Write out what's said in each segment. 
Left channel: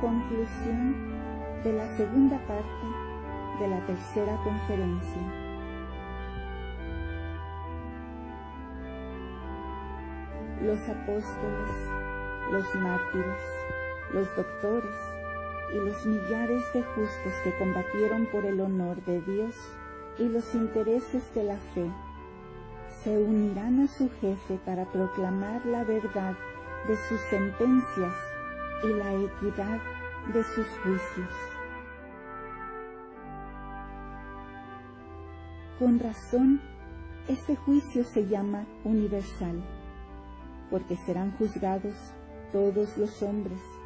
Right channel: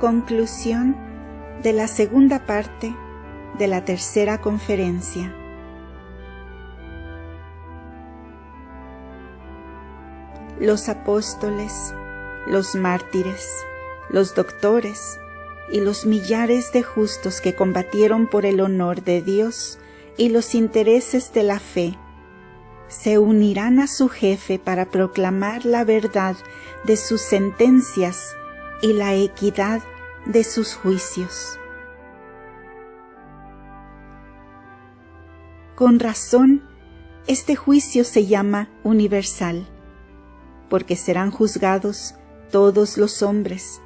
Conclusión de la segunda parte de la tercera conferencia. Los apóstoles, los mártires, los doctores y los millares de justos que combatieron por el honor de Dios y los intereses de la fe, se unirán a su jefe para proclamar la verdad de sus sentencias y la equidad de sus juicios. Con razón, este juicio se llama universal, porque serán juzgados todos los hombres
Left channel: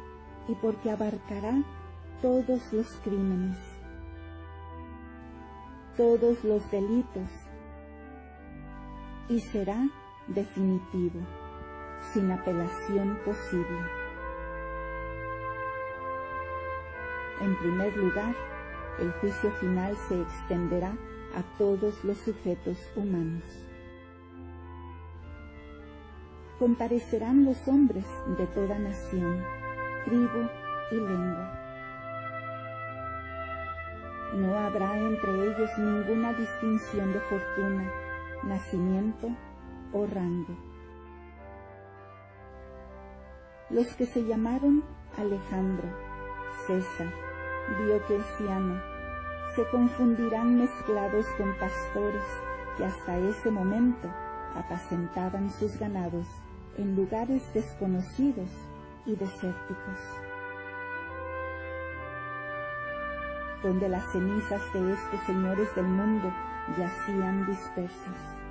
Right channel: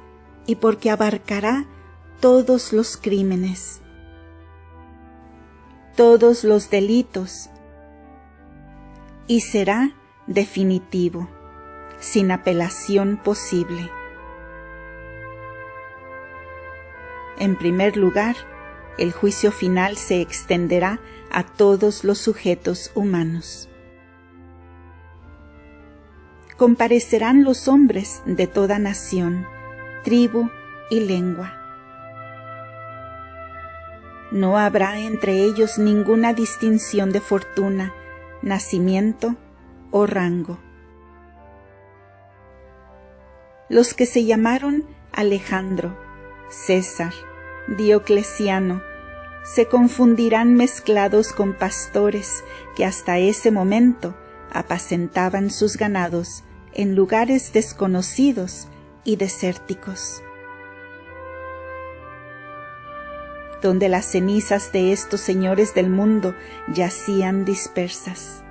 y porque abarcará todos los crímenes, todos los delitos, y será definitivo, sin apelación posible. En primer lugar, el juicio final se extenderá a todos los sujetos humanos. Comparecerán los hombres de toda nación, tribu y lengua. No habrá entre ellos ninguna distinción de fortuna, nacimiento o rango. Los que se llamaron Alejandro, César, Diocleciano, se confundirán mezclados con pastores que hasta ese momento apacentaban sus ganados en lugares desconocidos y desérticos, donde las cenizas de estos señores del mundo yacían dispersas.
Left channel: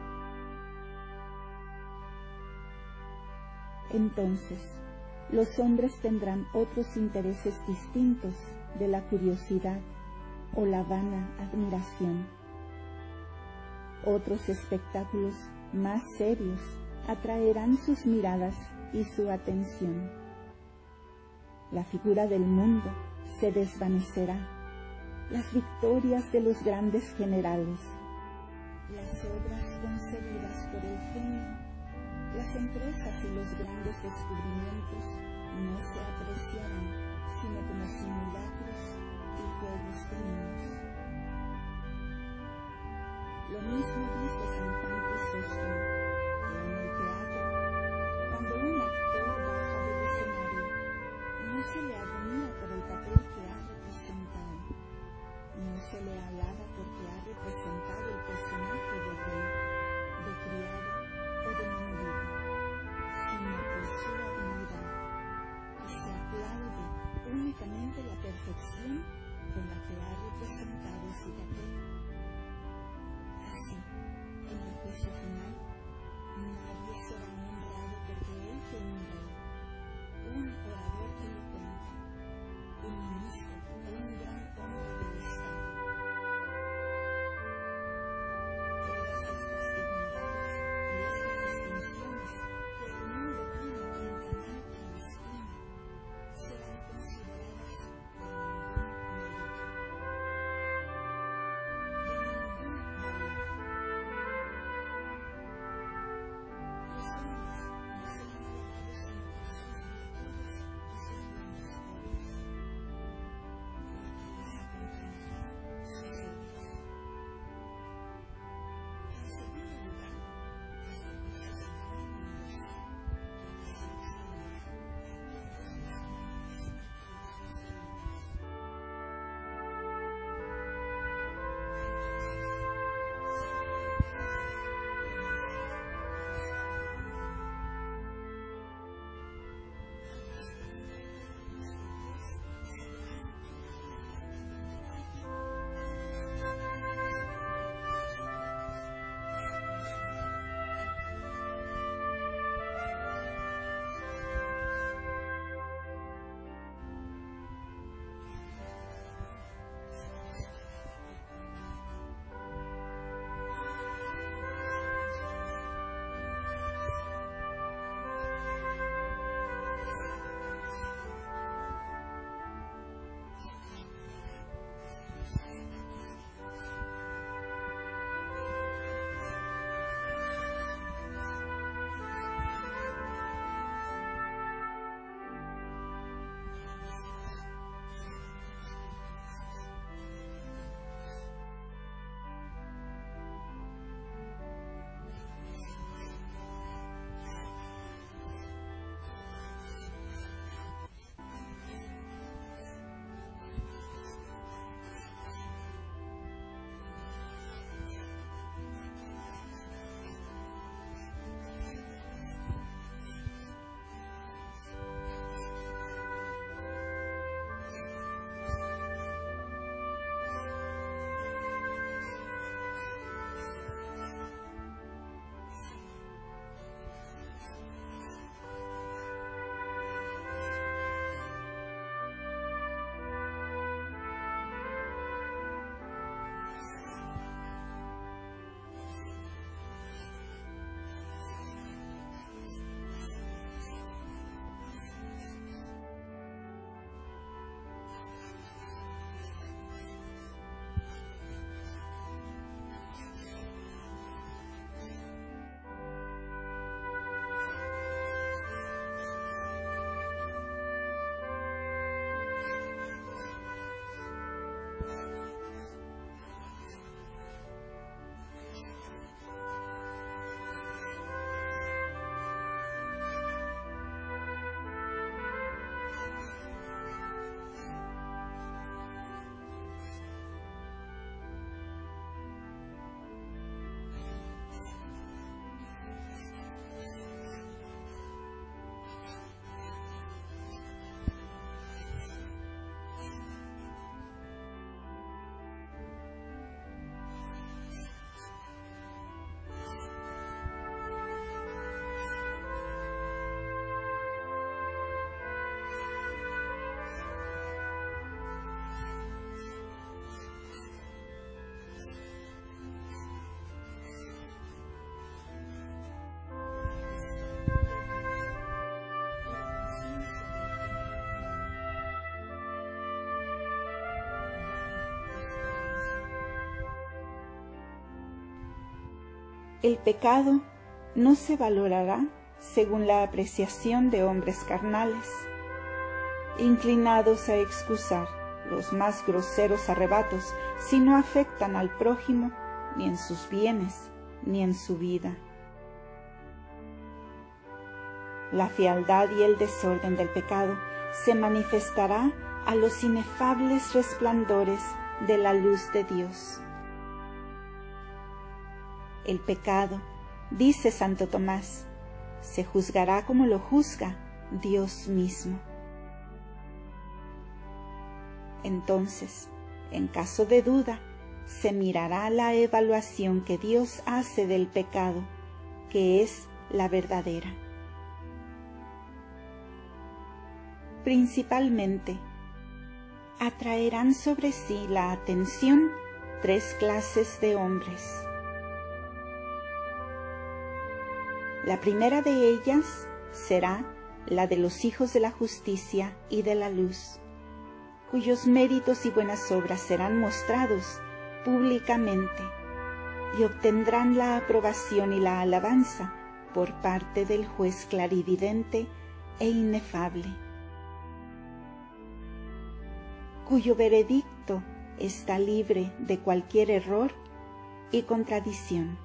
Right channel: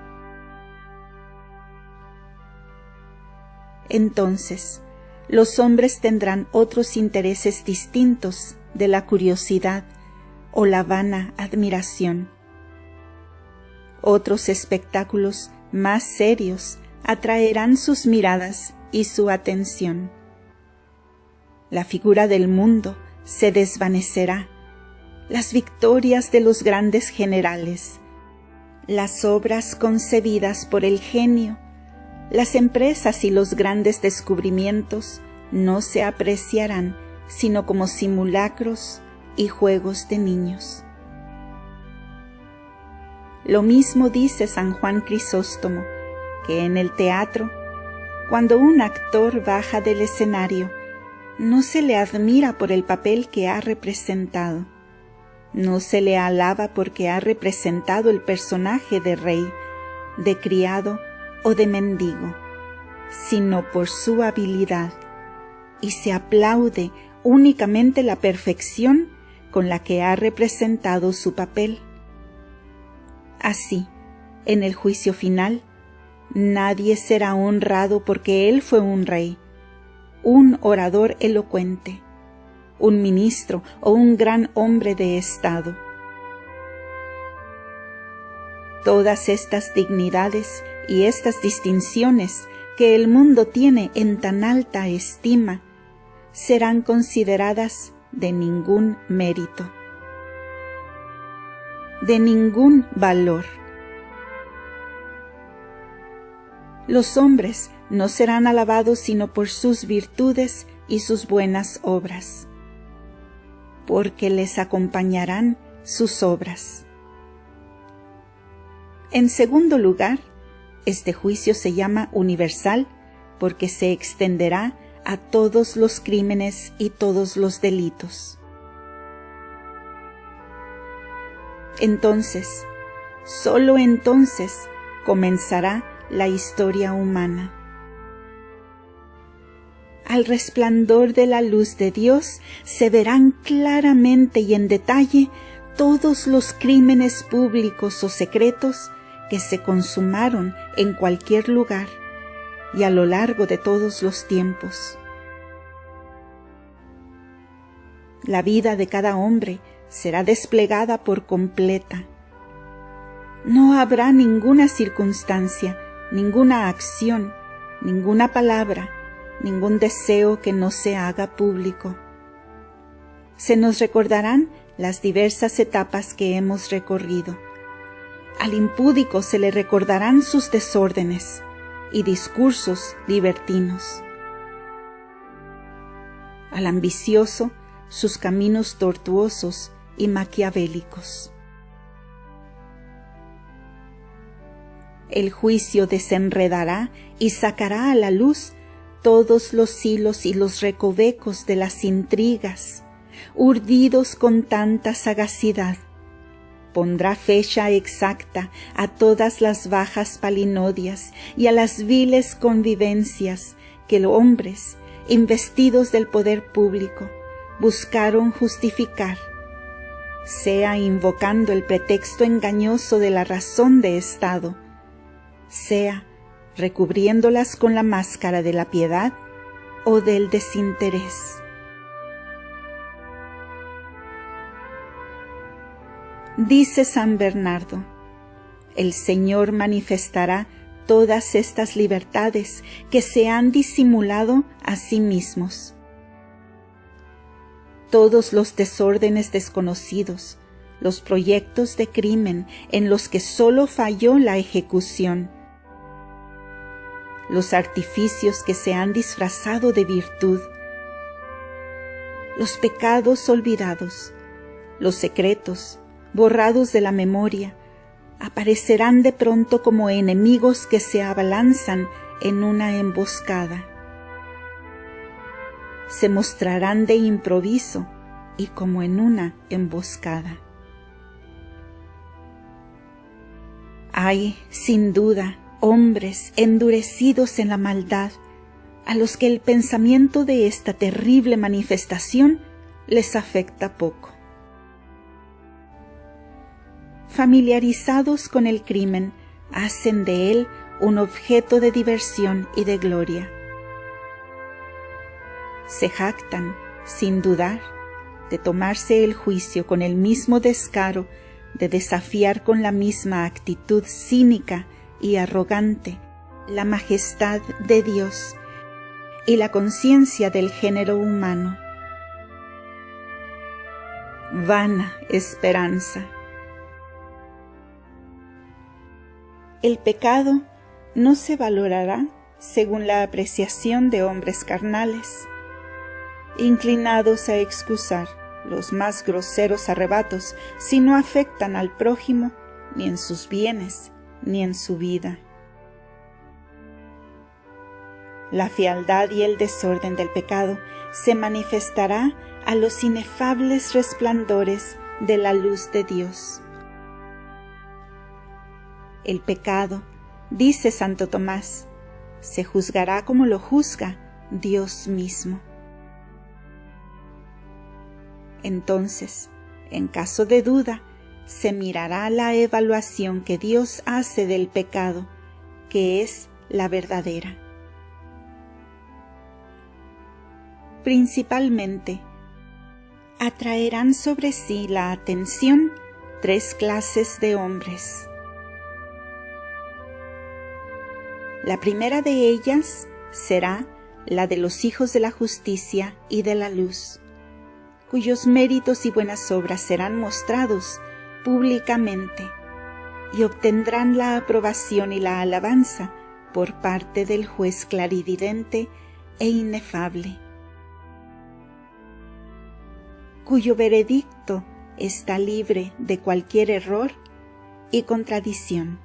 Entonces, los hombres tendrán otros intereses distintos de la curiosidad o la vana admiración. Otros espectáculos más serios atraerán sus miradas y su atención. La figura del mundo se desvanecerá, las victorias de los grandes generales, las obras concebidas por el genio, las empresas y los grandes descubrimientos no se apreciarán sino como simulacros y juegos de niños. Lo mismo dice San Juan Crisóstomo, que en el teatro, cuando un actor baja del escenario, no se le admira por el papel que ha representado, no se le alaba porque ha representado el personaje de rey, de criado o de mendigo, sino por su habilidad, y se aplaude únicamente la perfección con la que ha representado su papel. Así, en el juicio final, nadie será honrado porque él fue un rey, un orador elocuente, un ministro o un gran hombre de Estado. Todas estas dignidades y estas distinciones que el mundo tiene en tan alta estima serán consideradas de ningún mérito, de ningún valor. Los hombres no serán alabados sino por sus virtudes y sus buenas obras, porque les acompañarán sus obras. En segundo lugar, este juicio se llama universal porque se extenderá a todos los crímenes y todos los delitos. Entonces, solo entonces, comenzará la historia humana. Al resplandor de la luz de Dios se verán claramente y en detalle todos los crímenes públicos o secretos que se consumaron en cualquier lugar y a lo largo de todos los tiempos. La vida de cada hombre será desplegada por completa. No habrá ninguna circunstancia, ninguna acción, ninguna palabra, ningún deseo que no se haga público. Se nos recordarán las diversas etapas que hemos recorrido. Al impúdico se le recordarán sus desórdenes y discursos libertinos. al ambicioso sus caminos tortuosos y maquiavélicos. El juicio desenredará y sacará a la luz todos los hilos y los recovecos de las intrigas, urdidos con tanta sagacidad. Pondrá fecha exacta a todas las bajas palinodias y a las viles convivencias que los hombres, investidos del poder público, buscaron justificar, sea invocando el pretexto engañoso de la razón de Estado, sea recubriéndolas con la máscara de la piedad o del desinterés. Dice San Bernardo: el Señor manifestará todas estas libertades que se han disimulado a sí mismos. Todos los desórdenes desconocidos, los proyectos de crimen en los que solo falló la ejecución, los artificios que se han disfrazado de virtud, los pecados olvidados, los secretos borrados de la memoria, aparecerán de pronto como enemigos que se abalanzan en una emboscada. Se mostrarán de improviso y como en una emboscada. Hay, sin duda, hombres endurecidos en la maldad, a los que el pensamiento de esta terrible manifestación les afecta poco. Familiarizados con el crimen, hacen de él un objeto de diversión y de gloria. Se jactan, sin dudar, de tomarse el juicio con el mismo descaro, de desafiar con la misma actitud cínica y arrogante la majestad de Dios y la conciencia del género humano. Vana esperanza. El pecado no se valorará según la apreciación de hombres carnales, inclinados a excusar los más groseros arrebatos si no afectan al prójimo ni en sus bienes ni en su vida. La fealdad y el desorden del pecado se manifestará a los inefables resplandores de la luz de Dios. El pecado, dice Santo Tomás, se juzgará como lo juzga Dios mismo. Entonces, en caso de duda, se mirará la evaluación que Dios hace del pecado, que es la verdadera. Principalmente, atraerán sobre sí la atención 3 clases de hombres. La primera de ellas será la de los hijos de la justicia y de la luz, cuyos méritos y buenas obras serán mostrados públicamente y obtendrán la aprobación y la alabanza por parte del juez clarividente e inefable, cuyo veredicto está libre de cualquier error y contradicción.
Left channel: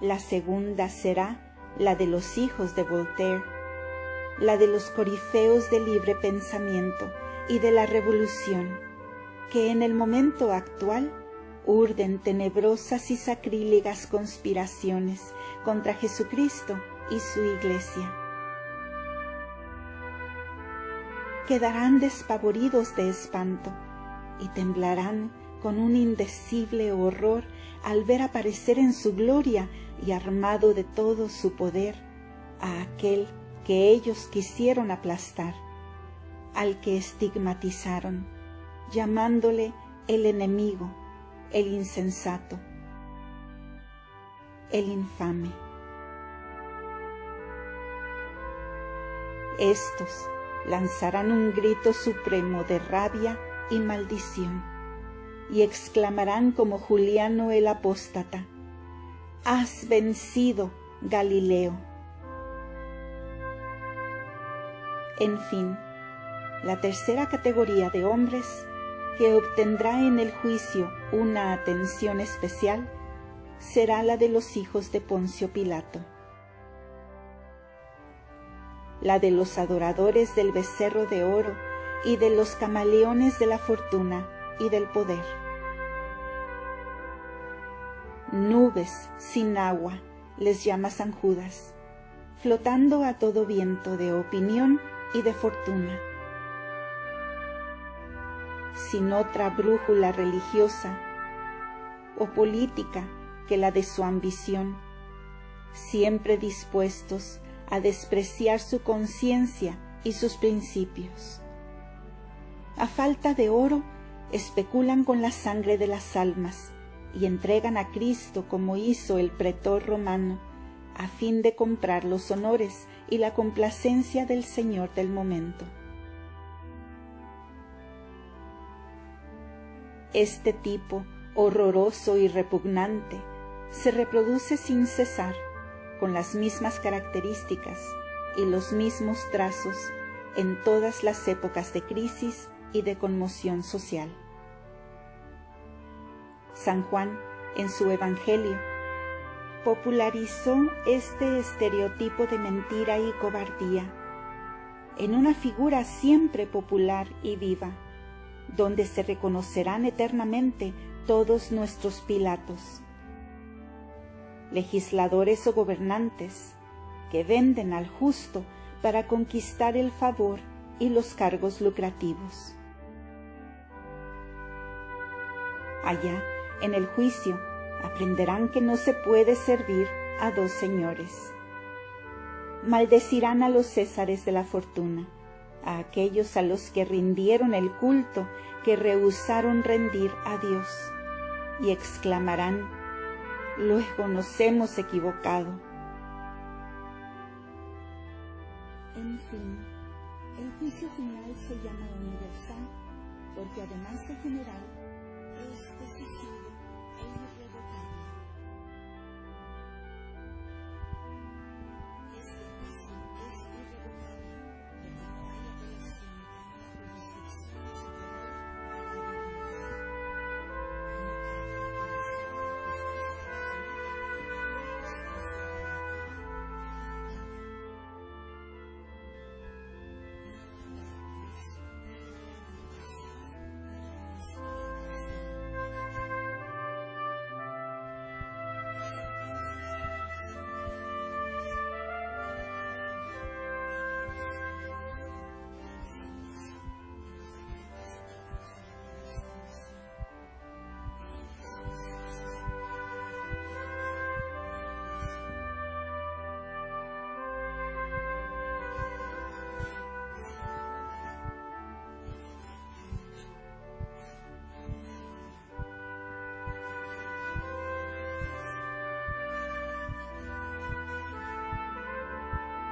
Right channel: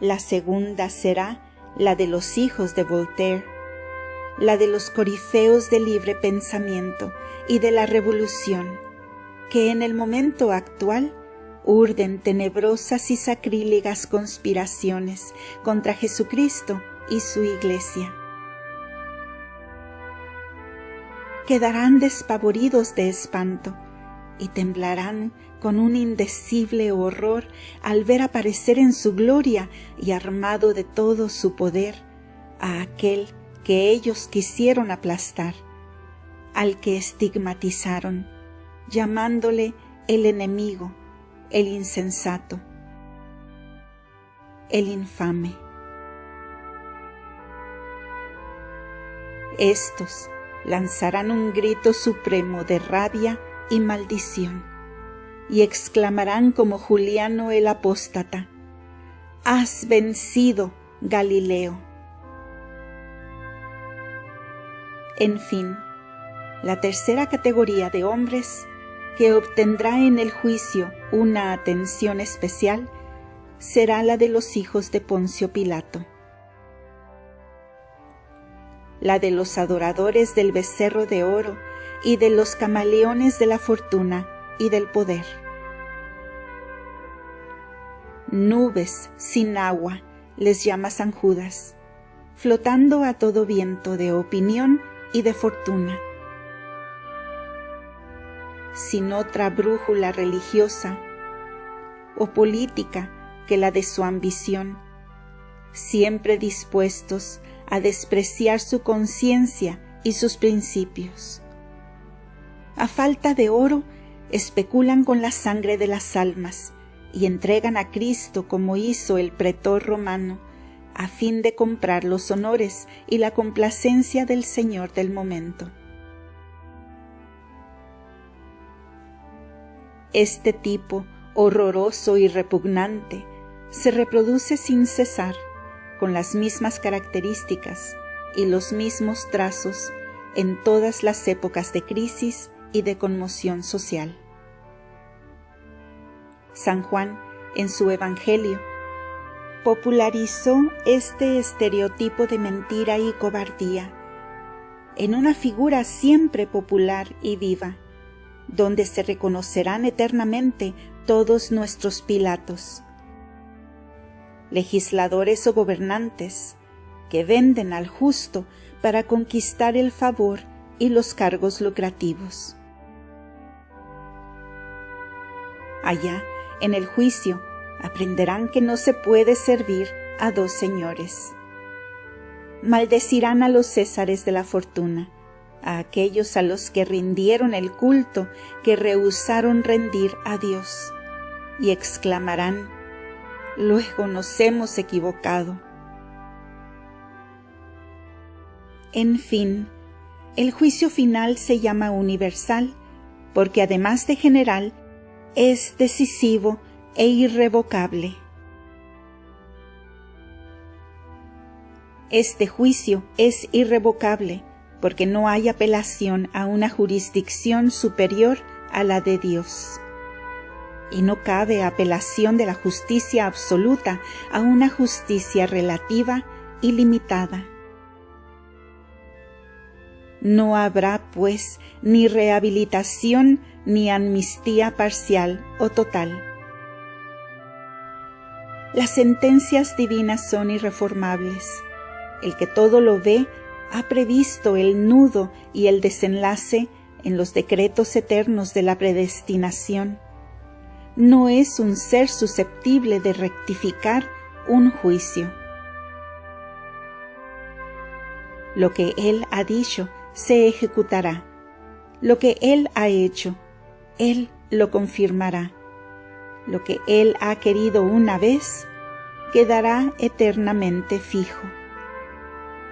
La segunda será la de los hijos de Voltaire, la de los corifeos del libre pensamiento y de la revolución, que en el momento actual urden tenebrosas y sacrílegas conspiraciones contra Jesucristo y su Iglesia. Quedarán despavoridos de espanto y temblarán con un indecible horror al ver aparecer en su gloria y armado de todo su poder a aquel que ellos quisieron aplastar, al que estigmatizaron, llamándole el enemigo, el insensato, el infame. Estos lanzarán un grito supremo de rabia y maldición, y exclamarán como Juliano el apóstata: «¡Has vencido, Galileo!». En fin, la tercera categoría de hombres que obtendrá en el juicio una atención especial será la de los hijos de Poncio Pilato, la de los adoradores del becerro de oro y de los camaleones de la fortuna y del poder. Nubes sin agua les llama San Judas, flotando a todo viento de opinión y de fortuna. Sin otra brújula religiosa o política que la de su ambición, siempre dispuestos a despreciar su conciencia y sus principios. A falta de oro, especulan con la sangre de las almas y entregan a Cristo como hizo el pretor romano, a fin de comprar los honores y la complacencia del señor del momento. Este tipo horroroso y repugnante se reproduce sin cesar, con las mismas características y los mismos trazos en todas las épocas de crisis y de conmoción social. San Juan, en su Evangelio, popularizó este estereotipo de mentira y cobardía en una figura siempre popular y viva, donde se reconocerán eternamente todos nuestros Pilatos, legisladores o gobernantes que venden al justo para conquistar el favor y los cargos lucrativos. Allá, en el juicio, aprenderán que no se puede servir a dos señores. Maldecirán a los césares de la fortuna, a aquellos a los que rindieron el culto que rehusaron rendir a Dios, y exclamarán: luego nos hemos equivocado. En fin, el juicio final se llama universal, porque además de general, es decisivo e irrevocable. Este juicio es irrevocable porque no hay apelación a una jurisdicción superior a la de Dios. Y no cabe apelación de la justicia absoluta a una justicia relativa y limitada. No habrá, pues, ni rehabilitación ni amnistía parcial o total. Las sentencias divinas son irreformables. El que todo lo ve ha previsto el nudo y el desenlace en los decretos eternos de la predestinación. No es un ser susceptible de rectificar un juicio. Lo que Él ha dicho se ejecutará. Lo que Él ha hecho, Él lo confirmará. Lo que Él ha querido una vez, quedará eternamente fijo.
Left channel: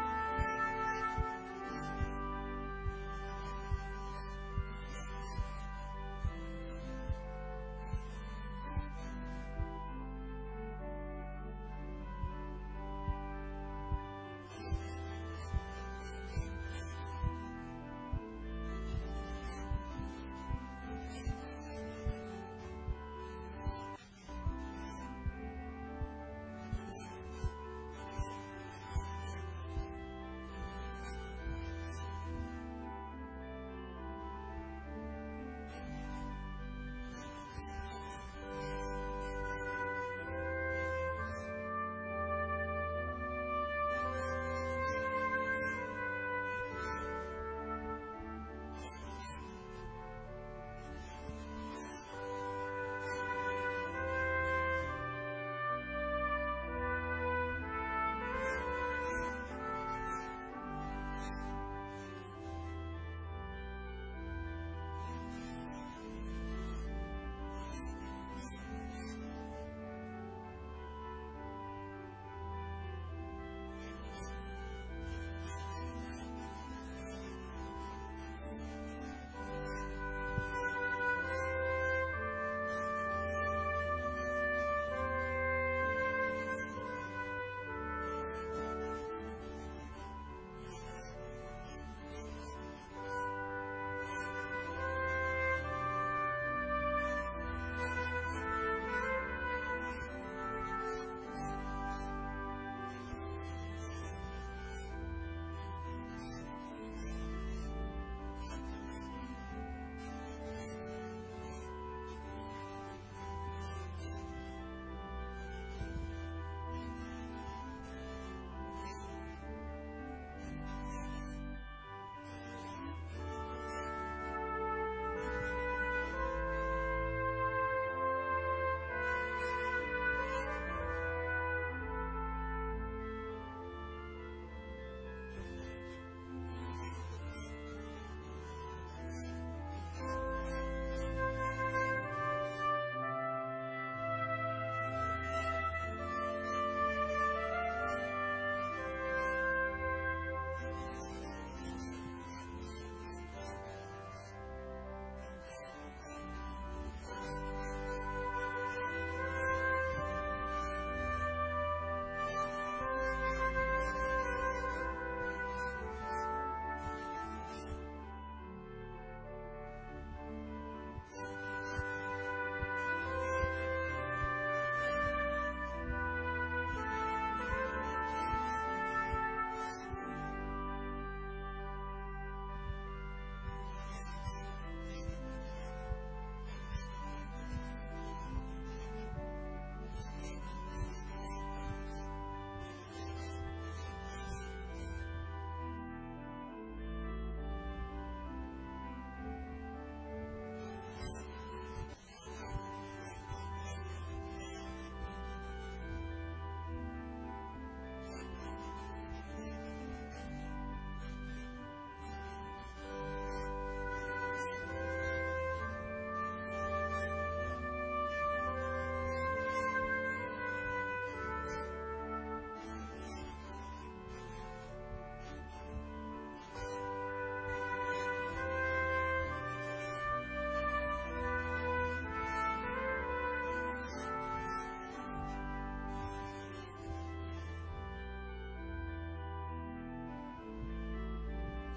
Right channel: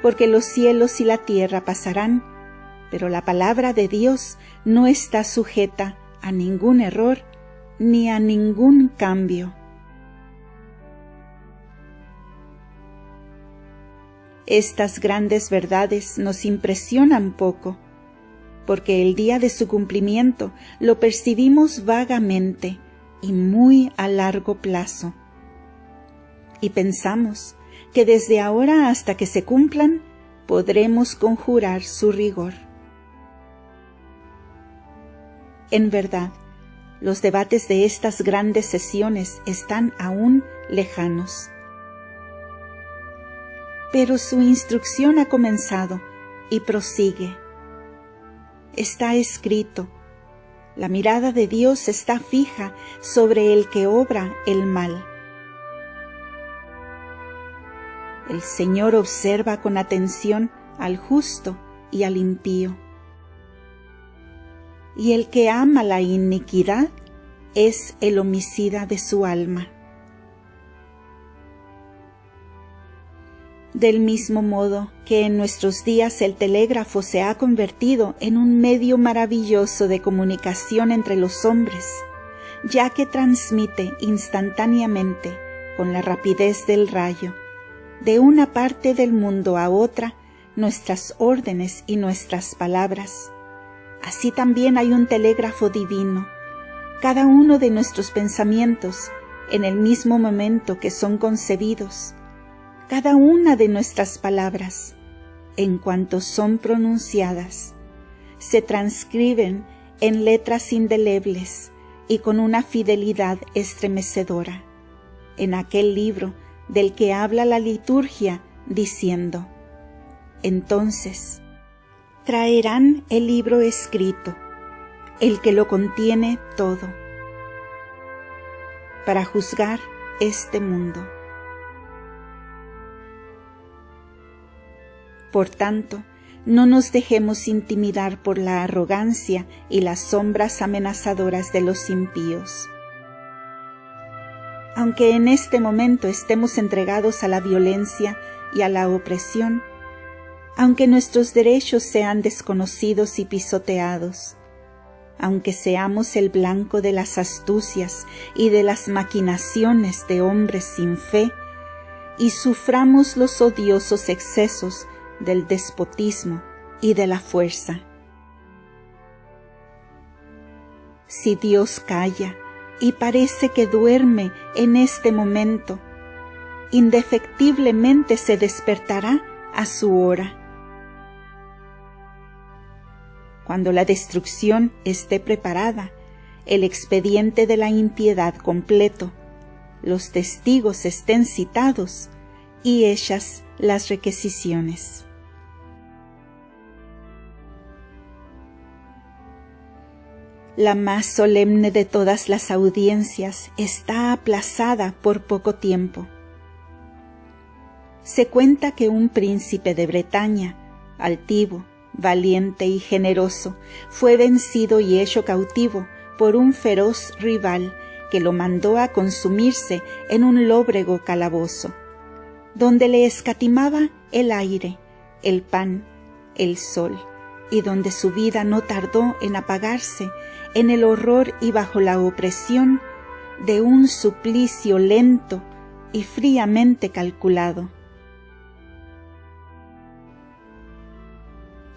Porque los cielos y la tierra pasarán, pero la palabra de Dios no está sujeta a ningún error ni a ningún cambio. Estas grandes verdades nos impresionan poco, porque el día de su cumplimiento lo percibimos vagamente y muy a largo plazo. Y pensamos que desde ahora hasta que se cumplan, podremos conjurar su rigor. En verdad, los debates de estas grandes sesiones están aún lejanos. Pero su instrucción ha comenzado y prosigue. Está escrito: la mirada de Dios está fija sobre el que obra el mal. El Señor observa con atención al justo y al impío. Y el que ama la iniquidad es el homicida de su alma. Del mismo modo que en nuestros días el telégrafo se ha convertido en un medio maravilloso de comunicación entre los hombres, ya que transmite instantáneamente, con la rapidez del rayo, de una parte del mundo a otra, nuestras órdenes y nuestras palabras. Así también hay un telégrafo divino. Cada uno de nuestros pensamientos, en el mismo momento que son concebidos, cada una de nuestras palabras, en cuanto son pronunciadas, se transcriben en letras indelebles y con una fidelidad estremecedora, en aquel libro del que habla la liturgia, diciendo: entonces traerán el libro escrito, el que lo contiene todo, para juzgar este mundo. Por tanto, no nos dejemos intimidar por la arrogancia y las sombras amenazadoras de los impíos. Aunque en este momento estemos entregados a la violencia y a la opresión, aunque nuestros derechos sean desconocidos y pisoteados, aunque seamos el blanco de las astucias y de las maquinaciones de hombres sin fe, y suframos los odiosos excesos del despotismo y de la fuerza. Si Dios calla y parece que duerme en este momento, indefectiblemente se despertará a su hora. Cuando la destrucción esté preparada, el expediente de la impiedad completo, los testigos estén citados y hechas las requisiciones. La más solemne de todas las audiencias está aplazada por poco tiempo. Se cuenta que un príncipe de Bretaña, altivo, valiente y generoso, fue vencido y hecho cautivo por un feroz rival que lo mandó a consumirse en un lóbrego calabozo, donde le escatimaba el aire, el pan, el sol, y donde su vida no tardó en apagarse en el horror y bajo la opresión de un suplicio lento y fríamente calculado.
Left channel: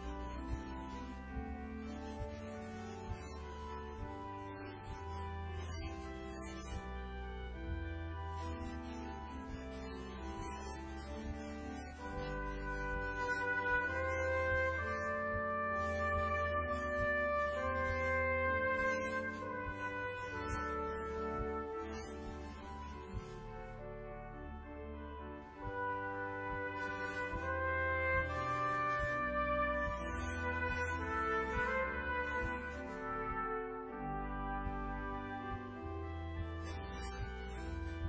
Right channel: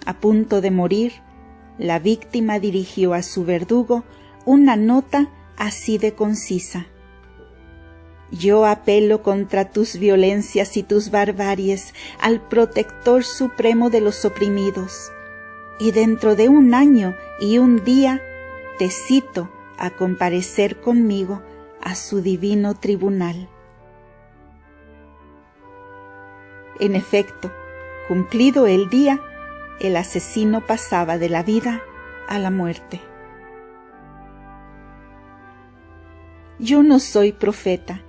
A punto de morir, la víctima dirigió a su verdugo una nota así de concisa: yo apelo contra tus violencias y tus barbaries al protector supremo de los oprimidos, y dentro de 1 año y 1 día te cito a comparecer conmigo a su divino tribunal. En efecto, cumplido el día, el asesino pasaba de la vida a la muerte. Yo no soy profeta,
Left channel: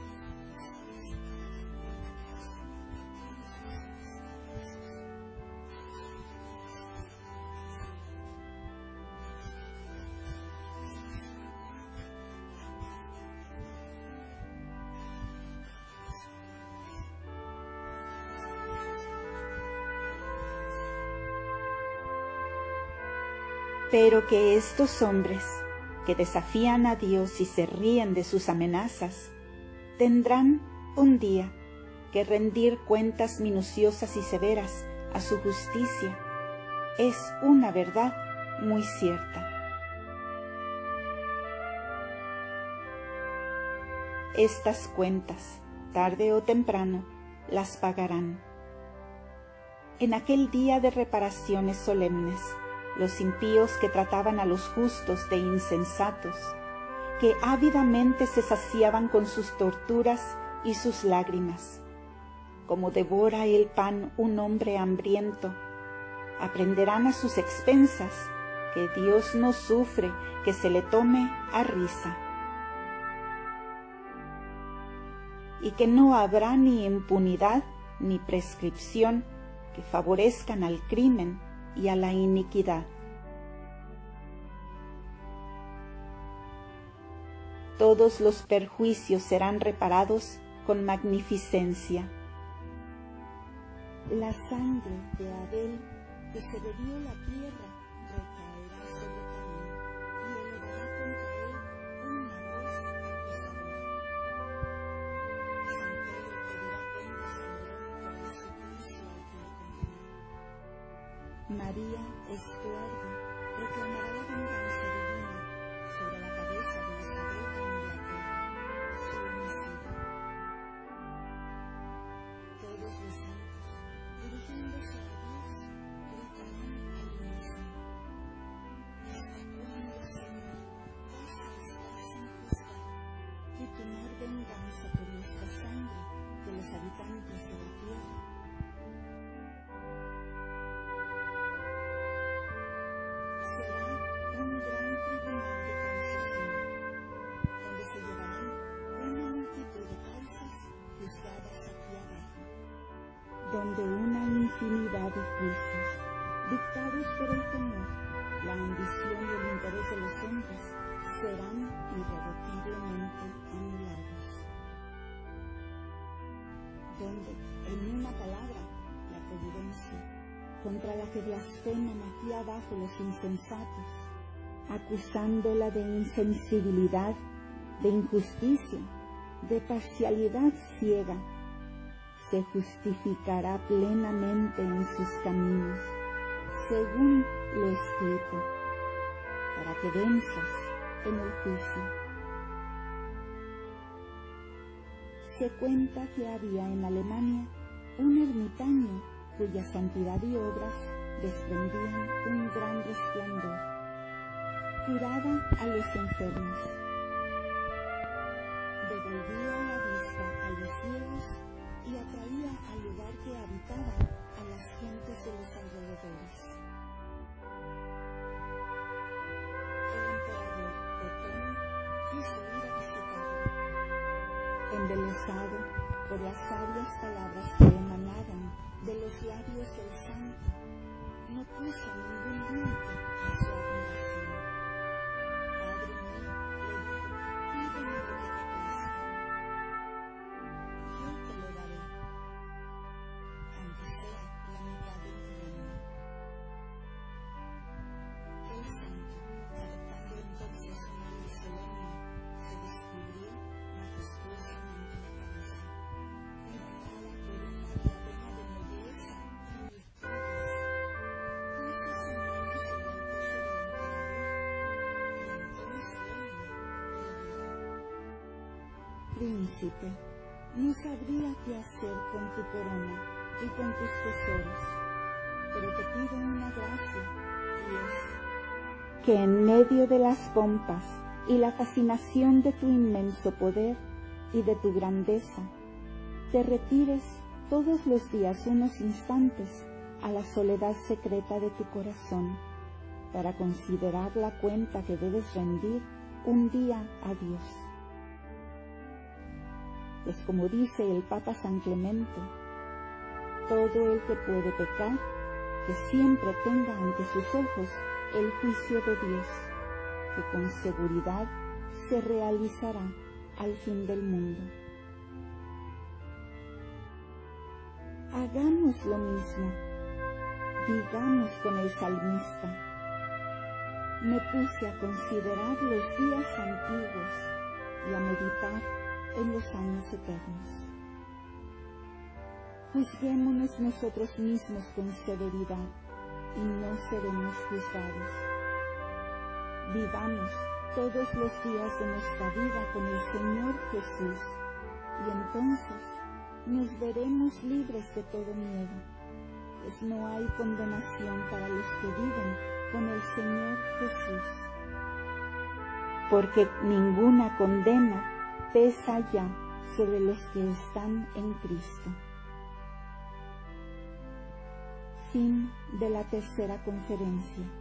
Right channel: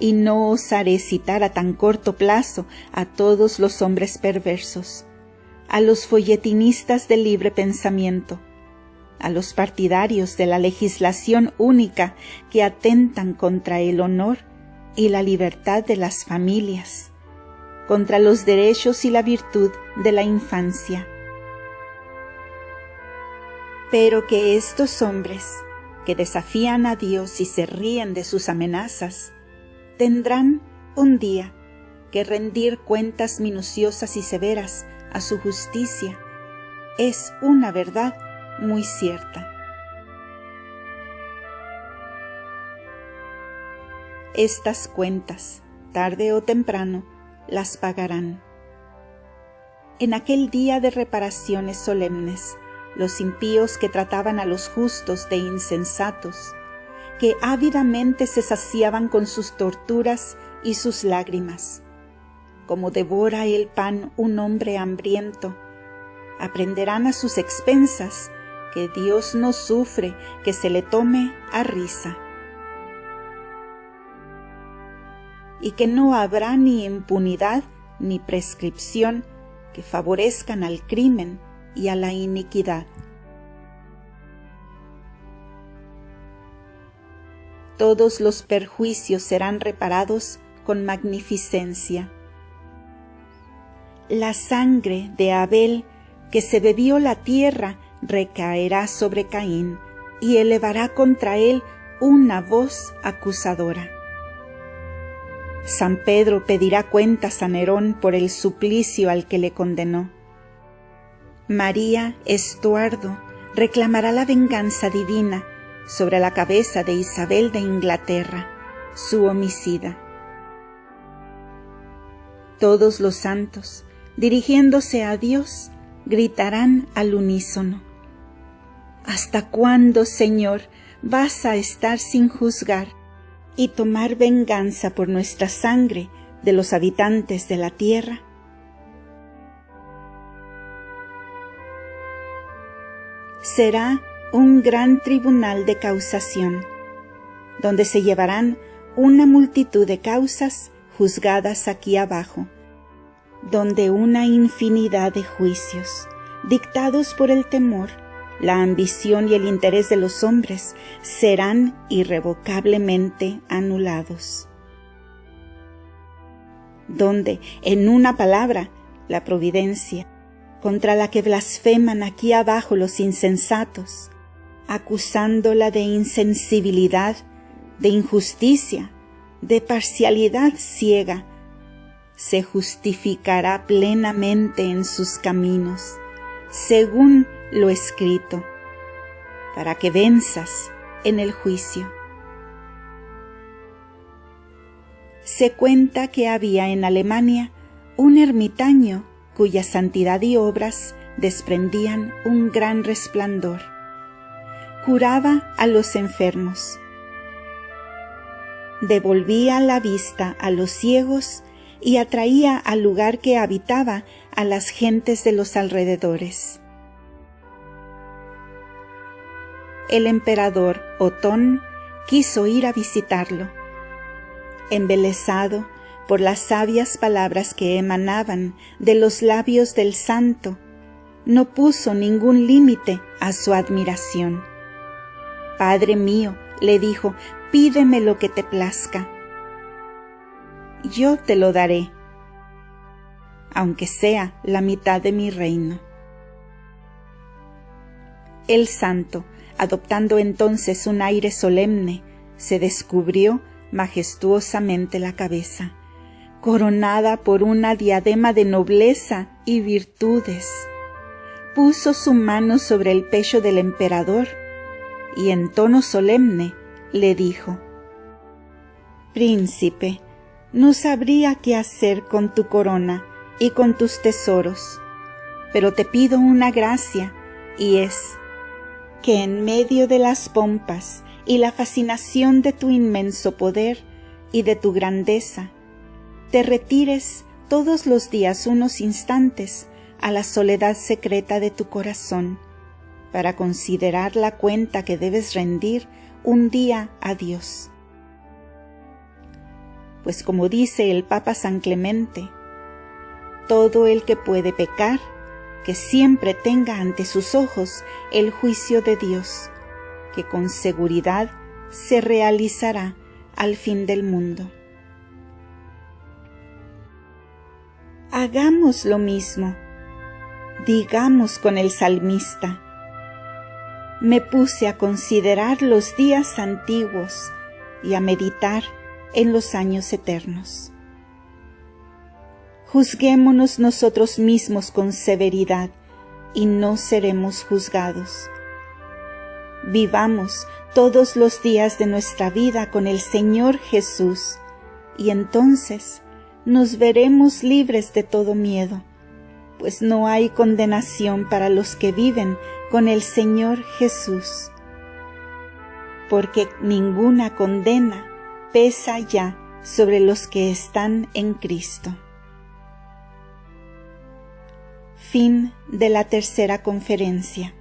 y no osaré citar a tan corto plazo a todos los hombres perversos, a los folletinistas del libre pensamiento, a los partidarios de la legislación única que atentan contra el honor y la libertad de las familias, contra los derechos y la virtud de la infancia. Pero que estos hombres, que desafían a Dios y se ríen de sus amenazas, tendrán un día que rendir cuentas minuciosas y severas a su justicia, es una verdad muy cierta. Estas cuentas, tarde o temprano, las pagarán. En aquel día de reparaciones solemnes, los impíos que trataban a los justos de insensatos, que ávidamente se saciaban con sus torturas y sus lágrimas, como devora el pan un hombre hambriento, aprenderán a sus expensas que Dios no sufre que se le tome a risa, y que no habrá ni impunidad ni prescripción que favorezcan al crimen y a la iniquidad. Todos los perjuicios serán reparados con magnificencia. La sangre de Abel que se bebió la tierra recaerá sobre Caín y elevará contra él una voz acusadora. San Pedro pedirá cuentas a Nerón por el suplicio al que le condenó. María Estuardo reclamará la venganza divina sobre la cabeza de Isabel de Inglaterra, su homicida. Todos los santos, dirigiéndose a Dios, gritarán al unísono: ¿Hasta cuándo, Señor, vas a estar sin juzgar y tomar venganza por nuestra sangre de los habitantes de la tierra? Será un gran tribunal de causación, donde se llevarán una multitud de causas juzgadas aquí abajo, donde una infinidad de juicios, dictados por el temor, la ambición y el interés de los hombres, serán irrevocablemente anulados. Donde, en una palabra, la providencia, contra la que blasfeman aquí abajo los insensatos, acusándola de insensibilidad, de injusticia, de parcialidad ciega, se justificará plenamente en sus caminos, según lo escrito, para que venzas en el juicio. Se cuenta que había en Alemania un ermitaño cuya santidad y obras desprendían un gran resplandor. Curaba a los enfermos, devolvía la vista a los ciegos y atraía al lugar que habitaba a las gentes de los alrededores. El emperador Otón quiso ir a visitarlo. Embelesado por las sabias palabras que emanaban de los labios del santo, no puso ningún límite a su admiración. «Padre mío», le dijo, «pídeme lo que te plazca. Yo te lo daré, aunque sea la mitad de mi reino». El santo, adoptando entonces un aire solemne, se descubrió majestuosamente la cabeza, coronada por una diadema de nobleza y virtudes. Puso su mano sobre el pecho del emperador y en tono solemne le dijo: «Príncipe, no sabría qué hacer con tu corona y con tus tesoros, pero te pido una gracia, y es que en medio de las pompas y la fascinación de tu inmenso poder y de tu grandeza, te retires todos los días unos instantes a la soledad secreta de tu corazón, para considerar la cuenta que debes rendir un día a Dios. Pues como dice el Papa San Clemente, todo el que puede pecar, que siempre tenga ante sus ojos el juicio de Dios, que con seguridad se realizará al fin del mundo». Hagamos lo mismo. Digamos con el salmista: «Me puse a considerar los días antiguos y a meditar en los años eternos». Juzguémonos nosotros mismos con severidad y no seremos juzgados. Vivamos todos los días de nuestra vida con el Señor Jesús y entonces nos veremos libres de todo miedo, pues no hay condenación para los que viven con el Señor Jesús, porque ninguna condena pesa ya sobre los que están en Cristo. Fin de la tercera conferencia.